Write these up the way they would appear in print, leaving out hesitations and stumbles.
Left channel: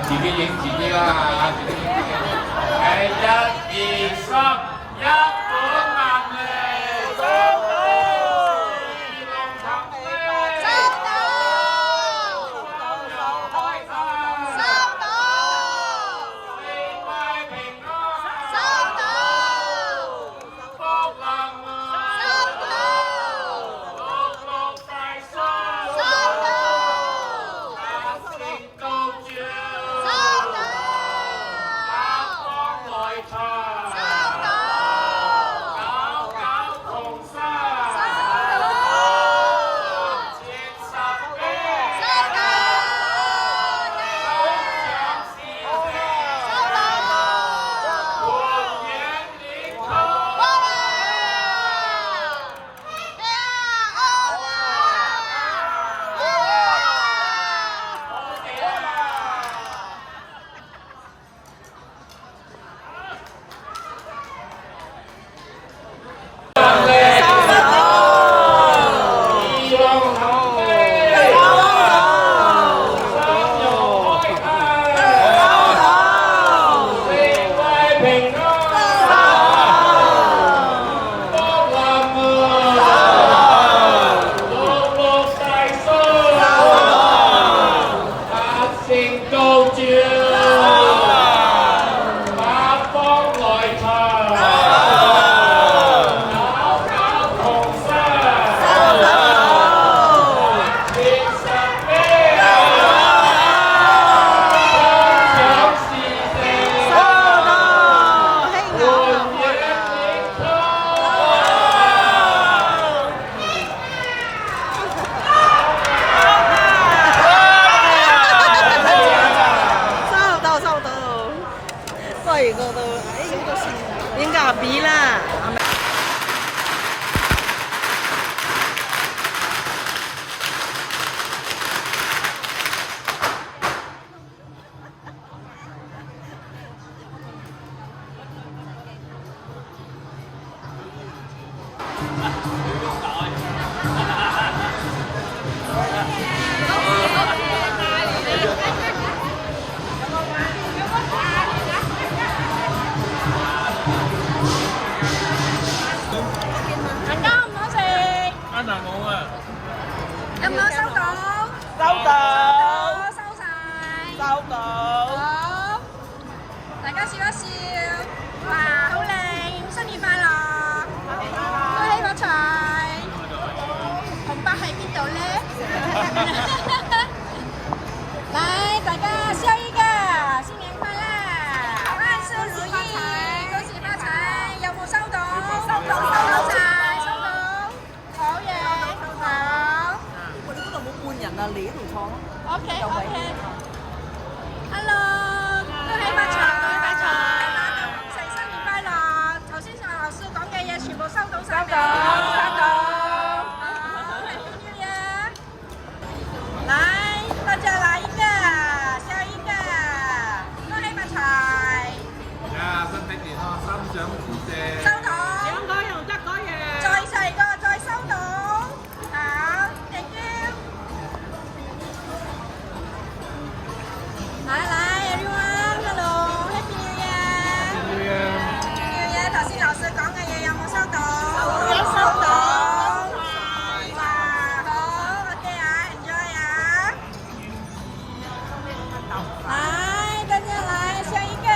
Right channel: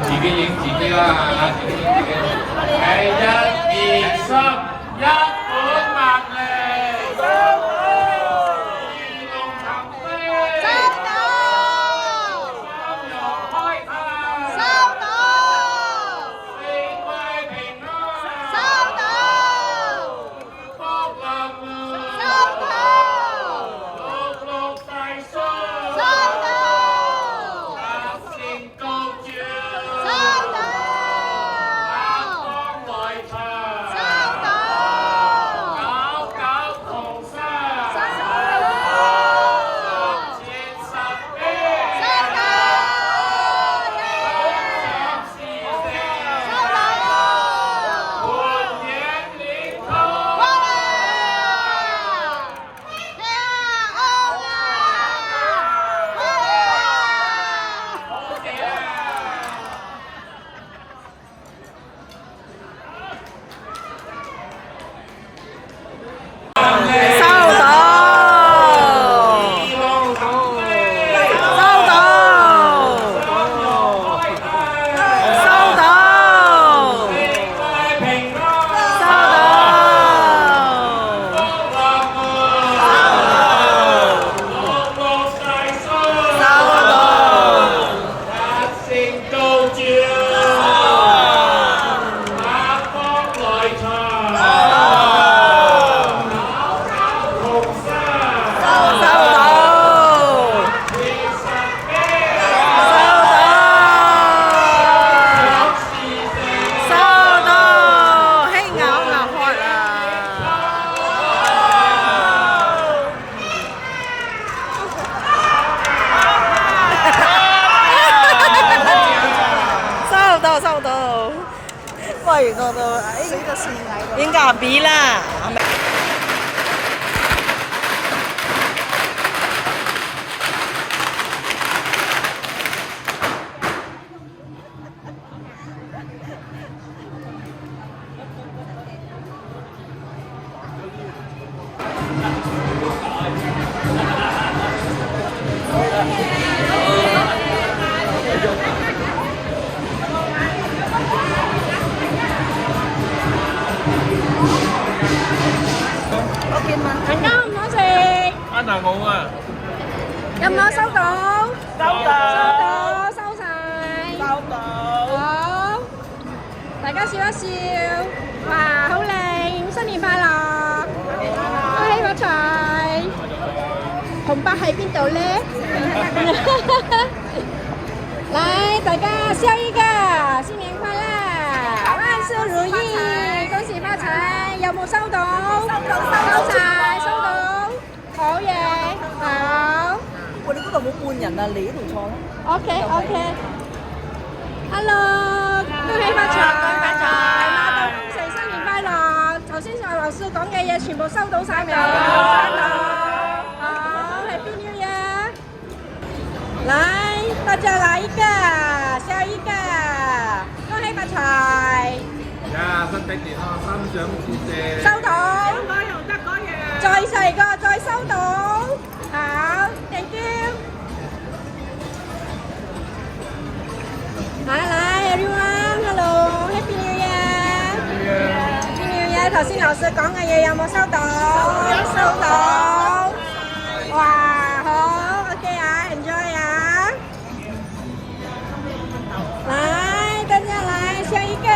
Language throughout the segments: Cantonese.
自己影自己啦，係1、2、3，一本萬利，收到，開泰，四季平安，福樂門，六六大順，百姓高照。喂，個應該係 B 啦。有冇收到？收到，收晒。收到。好，大家笑一笑。哇，好靚！新年快樂！恭喜發財！紅包喺邊度咧？來，大家笑一個，新年快樂，萬事如意，恭喜發財！有冇收到？收晒，收到。好嘢，好。我哋嗰度冇半人啊，你嗰度錯咯。OK。Hello， 恭喜發財，馬到功成，新年快樂。頭先阿老師講嘅嘢全部收到晒未？收到。好，Happy New Year。來，大家來一個，笑一個，恭喜發財。呀，身體健康，心想事成。收到。應該又得嗰嘢。再細個，再收到。好 ，thank you。來 everyone，hello，Happy New Year。Happy New Year。頭先老師講嘅嘢有冇收到？有收到。哇，好 ，OK 啊 ，enjoy 啊。來，大家來笑一個，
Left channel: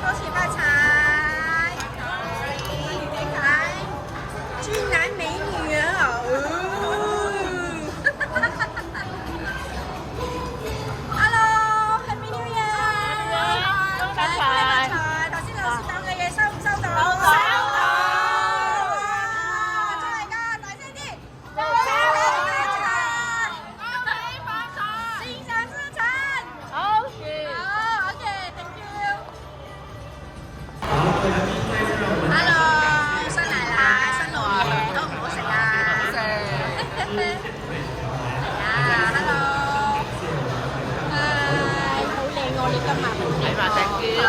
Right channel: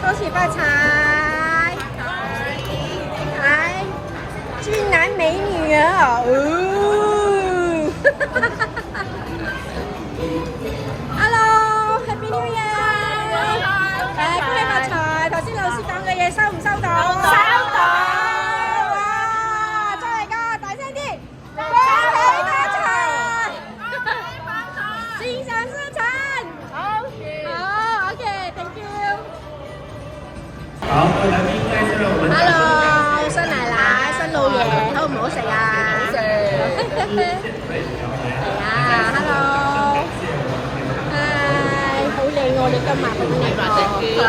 恭喜發財。來，俊男美女啊！Hello，Happy New Year！ 來，恭喜發財！頭先老師講嘅嘢收唔收到？收到！哇，真係㗎，大聲啲！恭喜發財！心想事成！係啊，hello，好靚喎！你今日好靚喎，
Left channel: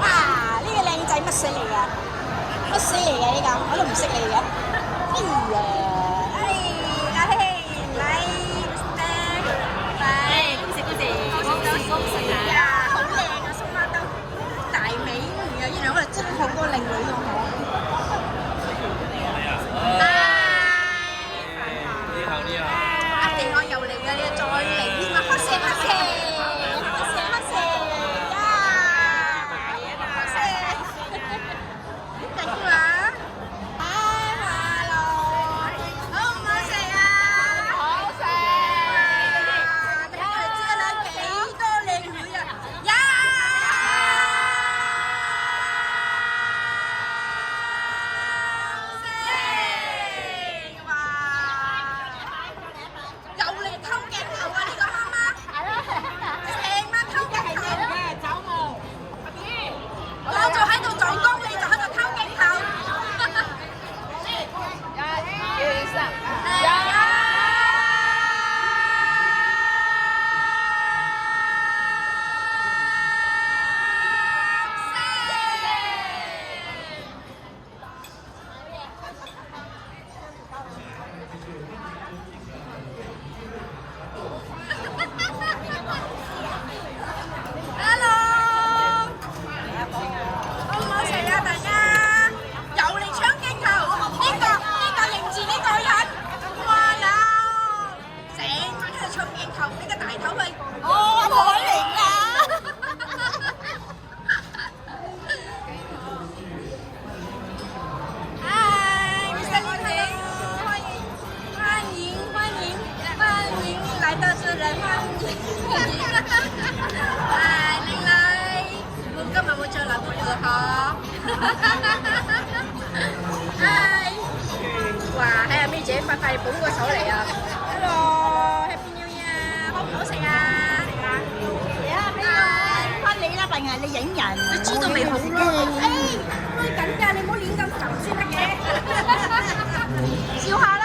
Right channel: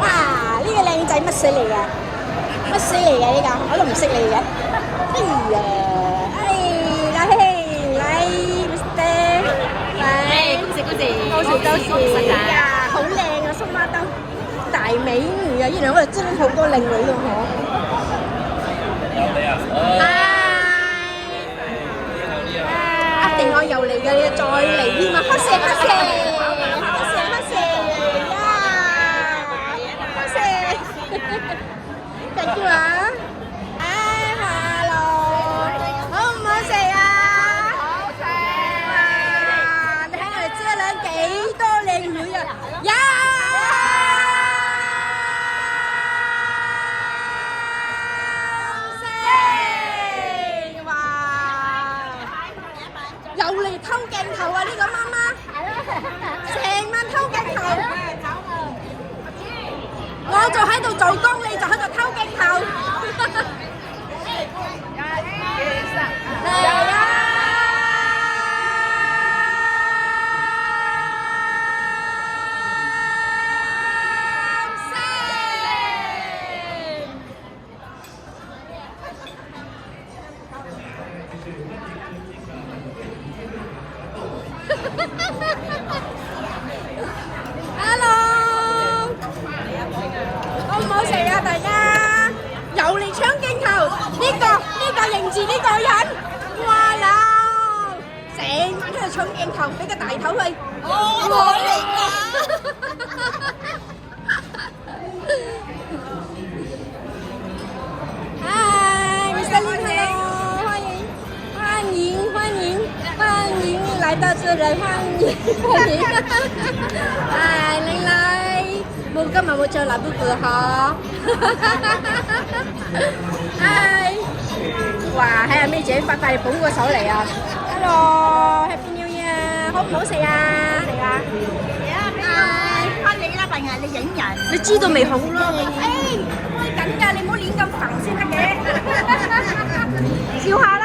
哇！呢個靚仔乜水嚟㗎？乜水嚟㗎？呢個我都唔識你嘅。哎呀，來，Mister， 來，多謝呀，好靚啊，蘇媽兜，大美女啊！原來我哋真係好多靚女咯，嗬。一定我又嚟嘅，你再嚟添啊！開聲呀！辛苦啦！哎，hello，好唔好食啊？好食！哇，睇下知啦，幾多靚女啊！呀！又嚟偷鏡頭啊！呢個媽媽，成晚偷鏡頭。我就喺度做工，你就喺度偷鏡頭。嚟啊！Hello， 好唔好食啊？大家又嚟搶鏡頭，呢個認住呢個人，哇啦！成晚喺度搶鏡頭，俾個大頭去，我嚟㗎。嗨，Mr. Lin，hello， 歡迎來到這裡，歡迎。唉，靚女，今日冇着藍布褲嗬。唉，哇，喺阿妹姐發大捧個手嚟啊 ！Hello，Happy New Year， 好唔好食啊？嚟啊！唉，你啦，定係你影人？你知道未好嘅？開緊㗎，你唔好亂咁行先得嘅。笑下啦！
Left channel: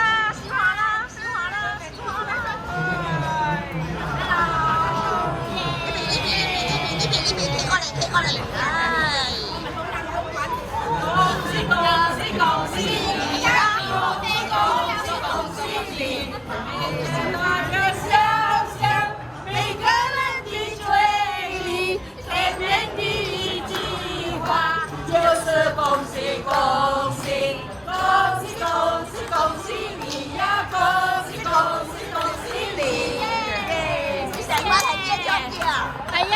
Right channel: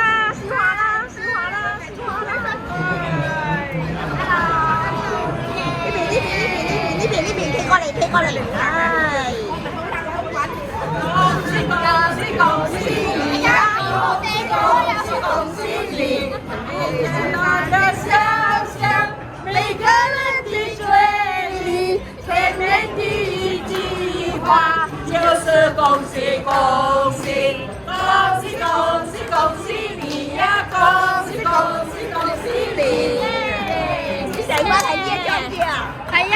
呢邊，唉！恭喜你呀！我的歌呀是恭喜你，你是那個小小每個人的嘴裡，甜甜的一句話，就是恭喜恭喜恭喜恭喜恭喜你呀！恭喜恭喜恭喜你！你成班係咩裝嘅啊？係啊！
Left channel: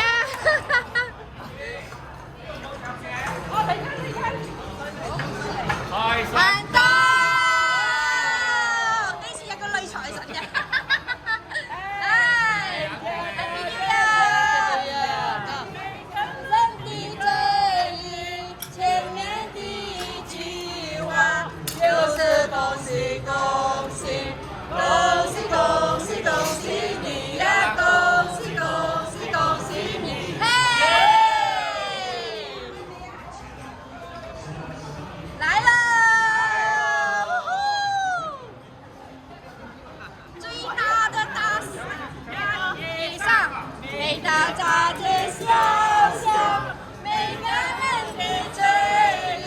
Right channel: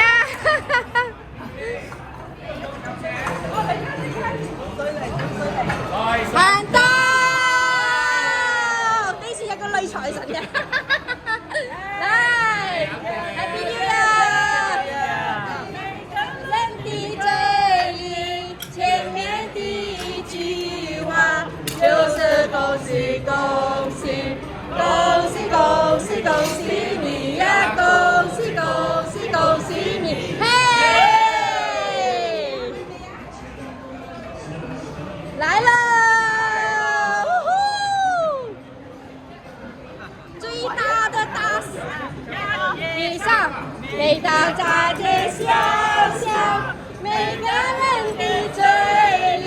萬多，幾時有個女財神嘅？來 ，Happy New Year！ 人的嘴裡，前面的一句話，就是恭喜恭喜恭喜恭喜恭喜你呀！恭喜恭喜恭喜你！來了！最大的大地上，每到大街小巷，每個人的嘴裡，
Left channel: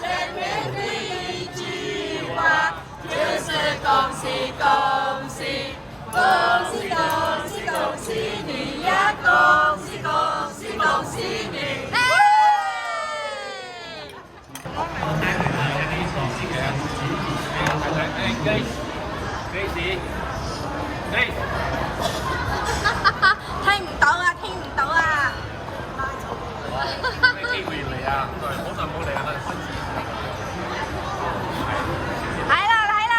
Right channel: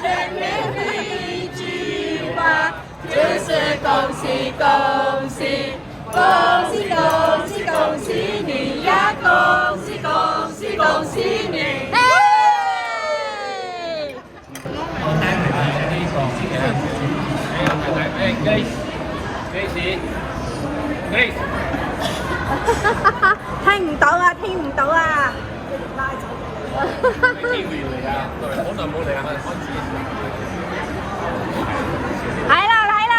前面的一句話，就是恭喜恭喜恭喜恭喜恭喜你呀！恭喜恭喜恭喜你！聽唔到啊！聽唔到啊！機會要嚟啊！好耐冇嚟啦，開始嘅時候。嚟啦！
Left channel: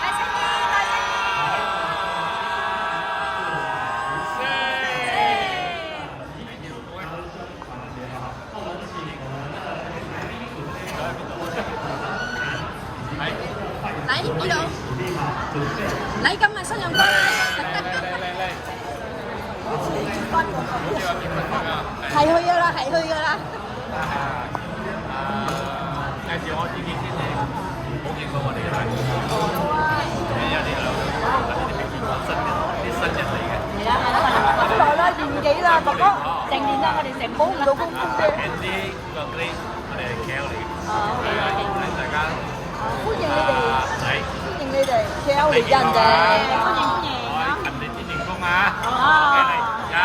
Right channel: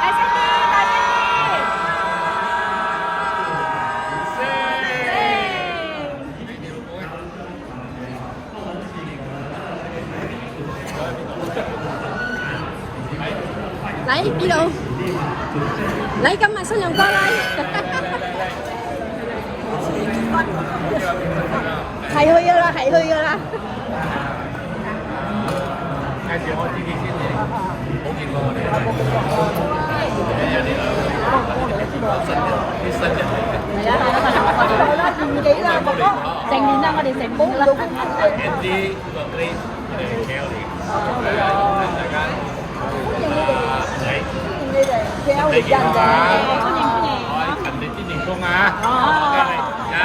大聲啲！大聲啲！嚟邊度？嚟今日新陽哥嚟，係去噶啦，係去噶啦。介紹我自己先，冇見過我哋。有啲新人嚟嘅。係啊，我哋嚟啦，年幾啦，成年啦，我哋成功啦。Andy，我哋係 KL 嚟嘅。係啊，咁歡迎大家。歡迎你哋 KL 嚟人嘅，歡迎。我係勤力啲員工啊。OK，嚟呀！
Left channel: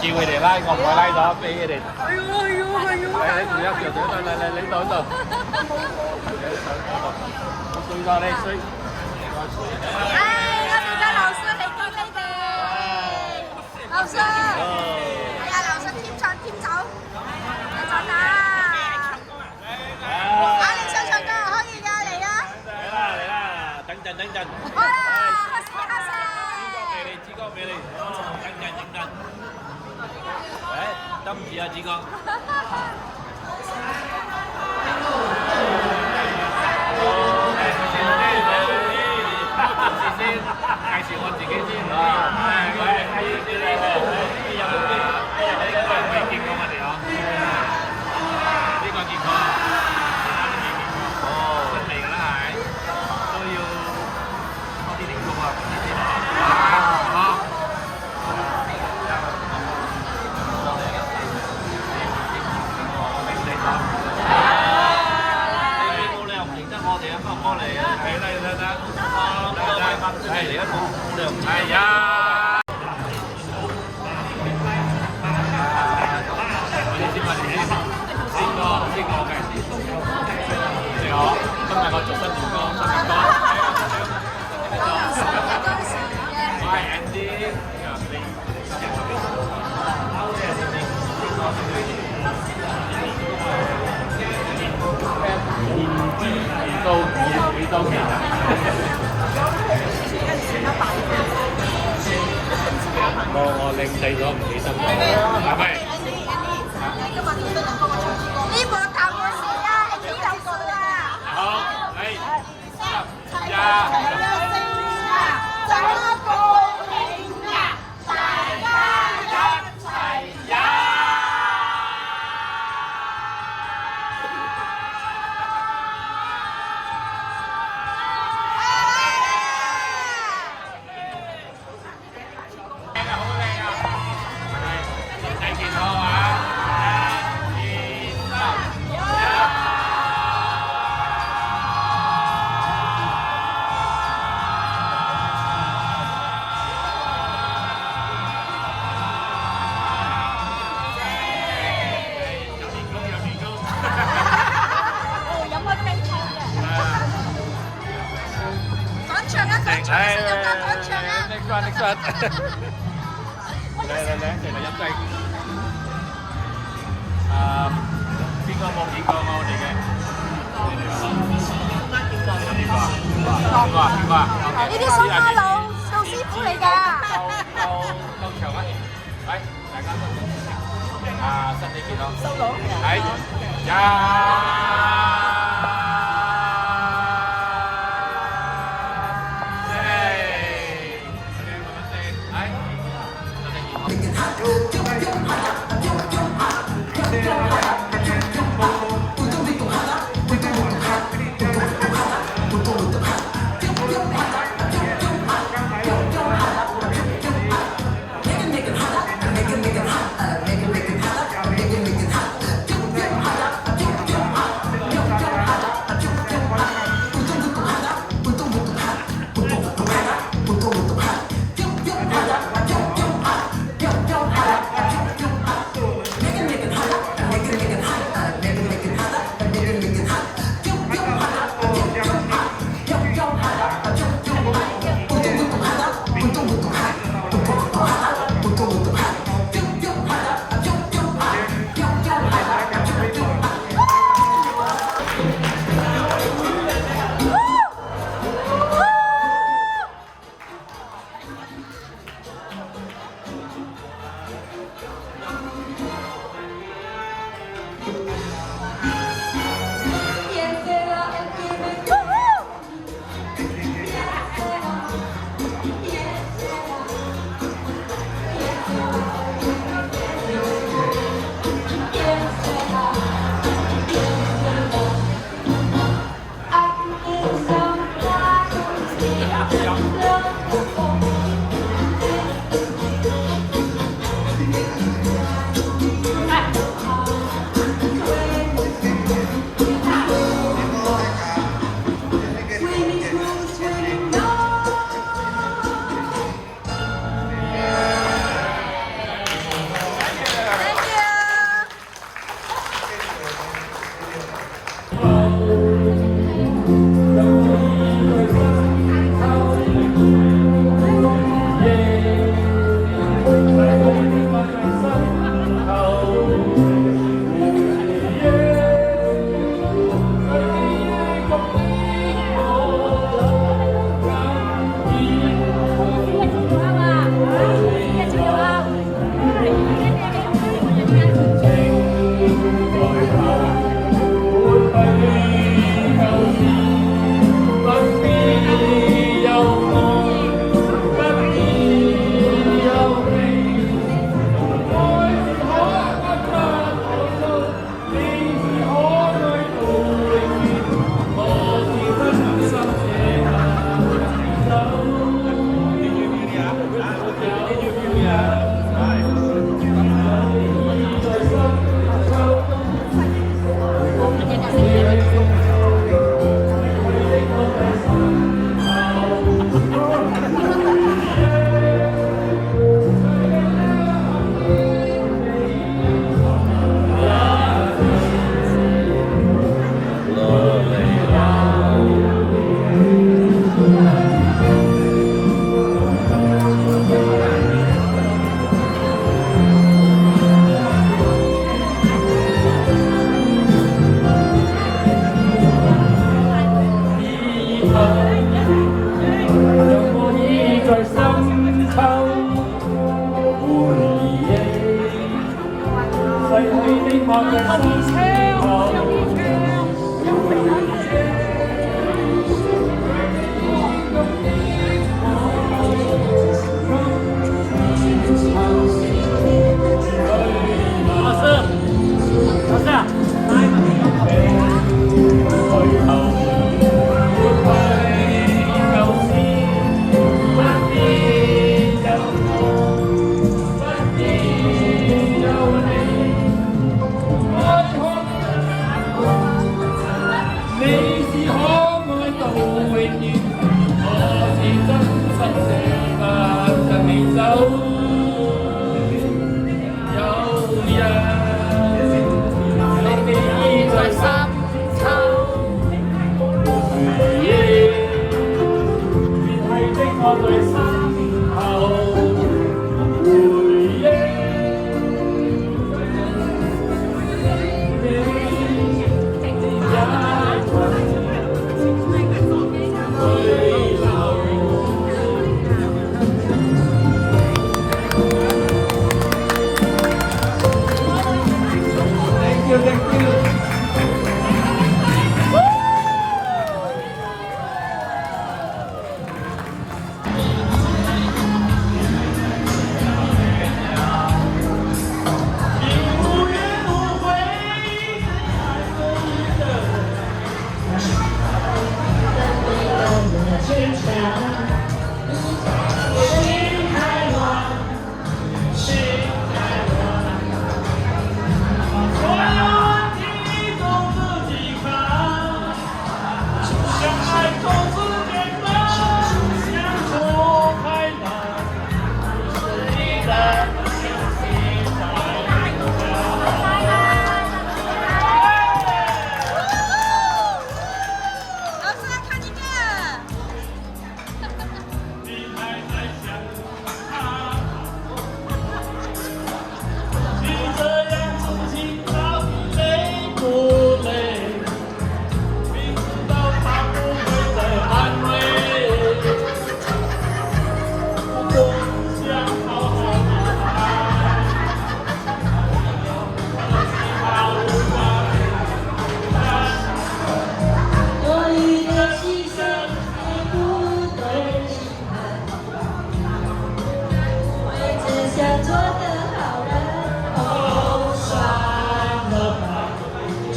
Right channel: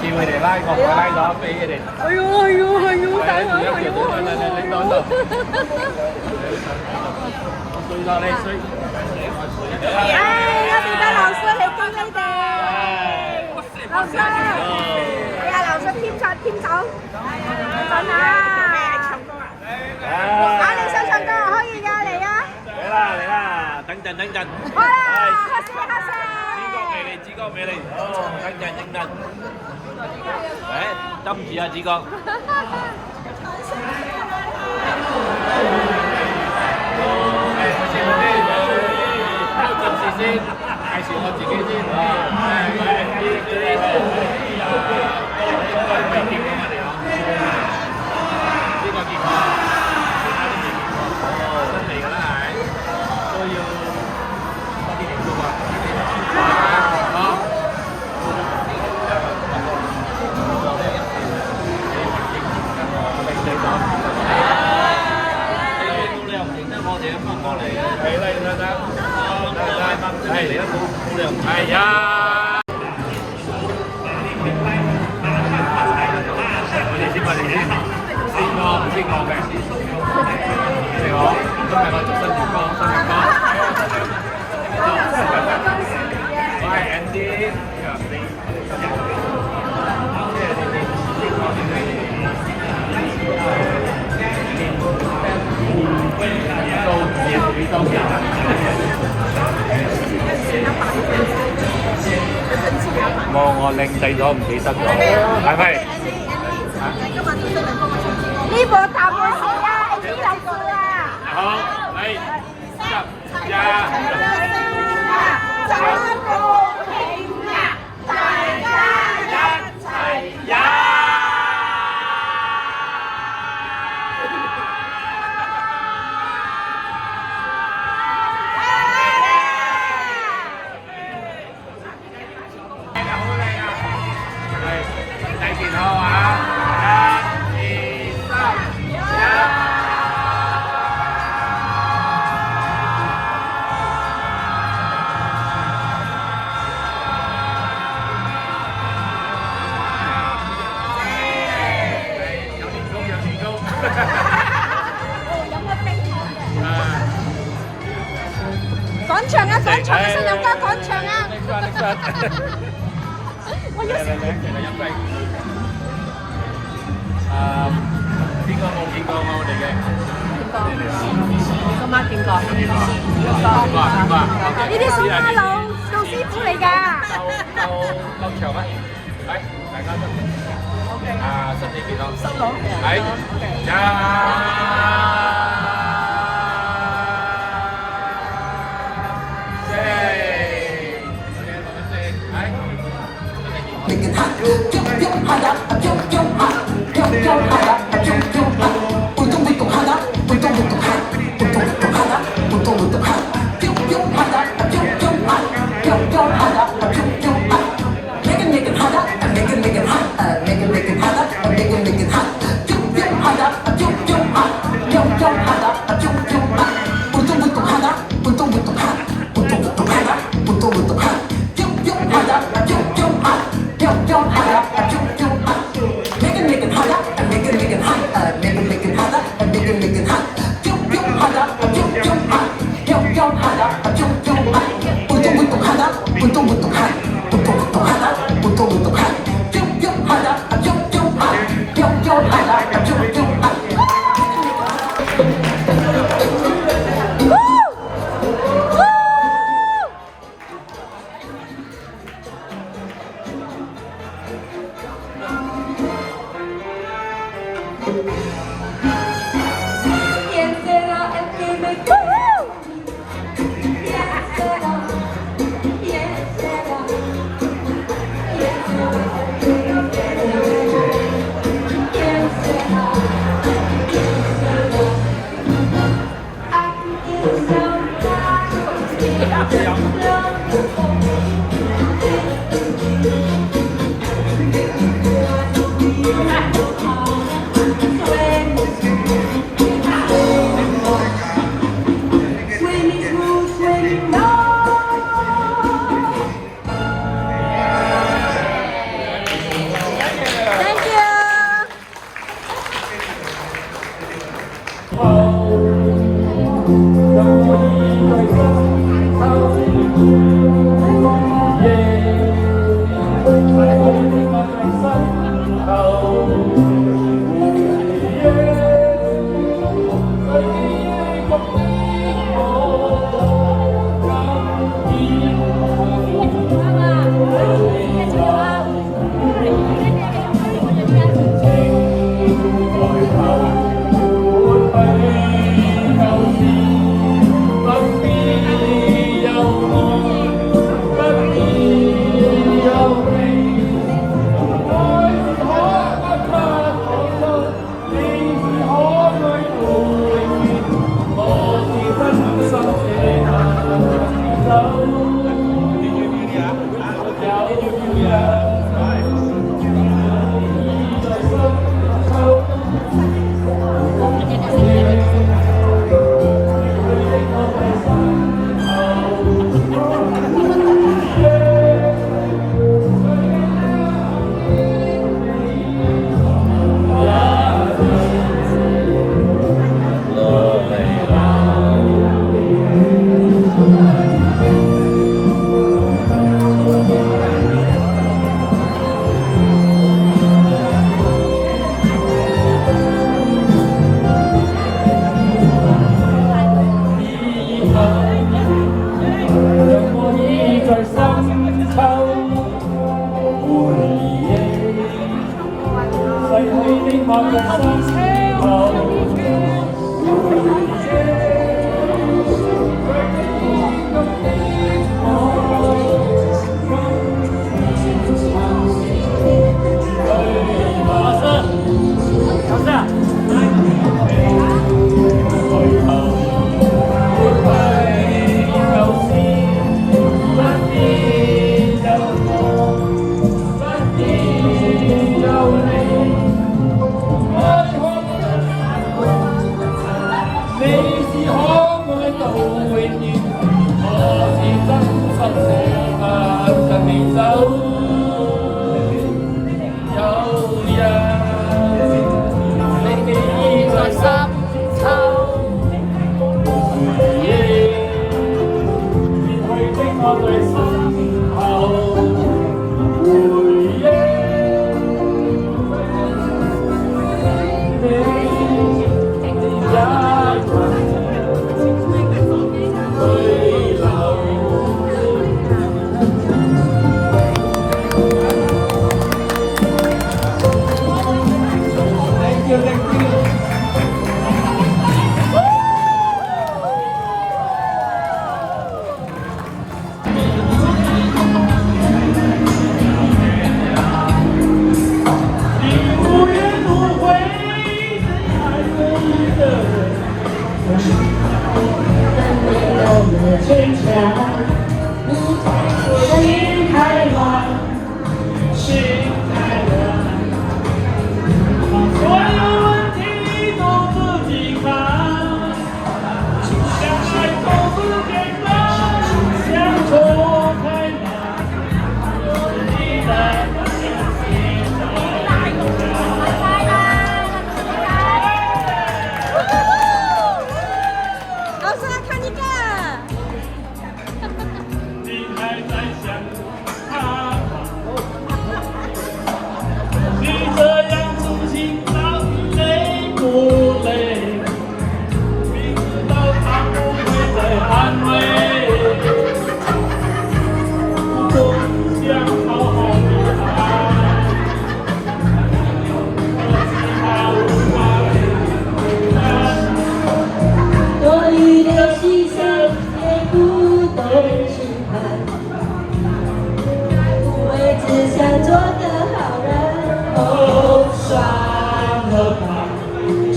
叫佢哋拉個拉咗俾佢哋。係喎，等我，哎，我哋嘅老師嚟歡你哋，老師，哎呀，老師添酒，一陣啊，你想唱歌可以㗎，嚟啊！嚟啦，等陣。好啦，開始。子哥俾你，等陣。針住啊，子哥。暫時先介紹我自己先。我係 Andy 應該未見過我哋嗬。呢個見過，其他都未見過。新嚟㗎啦係，都要多啲練功啊！好。冇理由唔認得我哋啊！幫嚟嘅，係啦，得，係而家冇理由，係呀。我哋先，邊個嘅？你好，今日我做新員工，我係 Andy，我靚仔咗唔起身咗，係咪？呢部大本事啊，Andy 老師啊！好，嚟，10、9、8。趕場啊！新有歌趕場啊！我要邊個冇見過我哋嘅？呢啲蘇媽老師傅嚟㗎。夠長啊！嚟，大家身體健康。嚟，呀！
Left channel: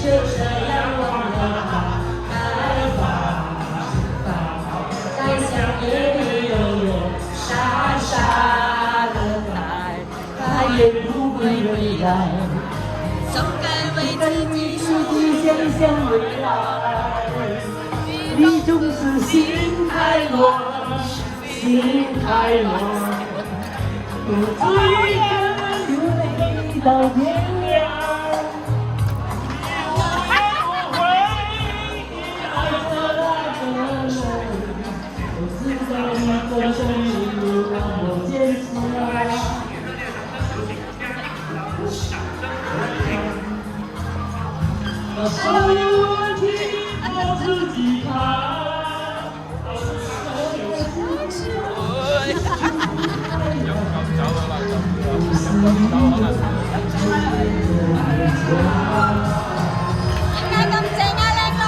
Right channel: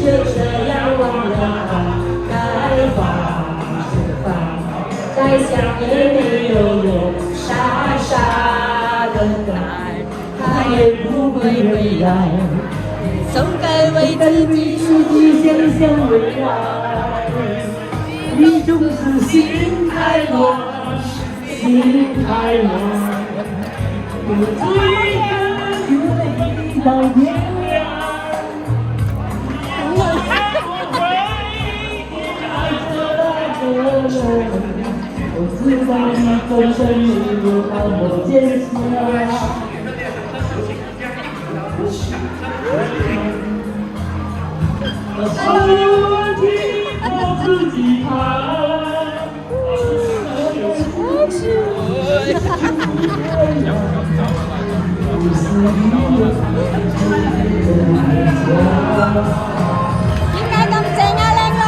就这样忘了它，该放就放，该想也没有用，傻傻的等待，它也不会回来。总该为自己想想未来，你总是心太乱，心太乱，有几个月到天亮。我知道你总是没有帮我坚持啊。我自己爬。點解咁正啊，靚女？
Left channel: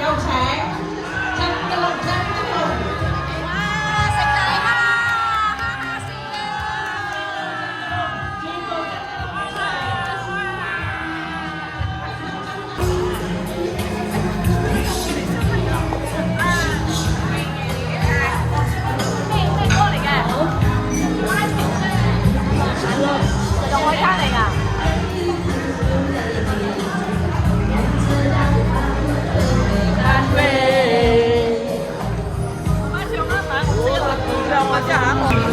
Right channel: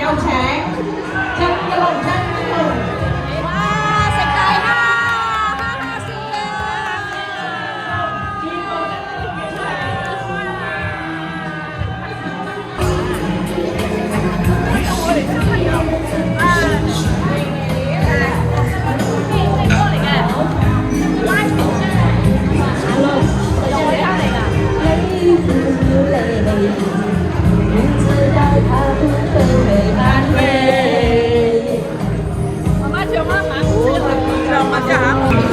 有請張國珍。哇！食大蝦，哈哈笑啊！媽媽笑媽媽，笑兩個啫嚇。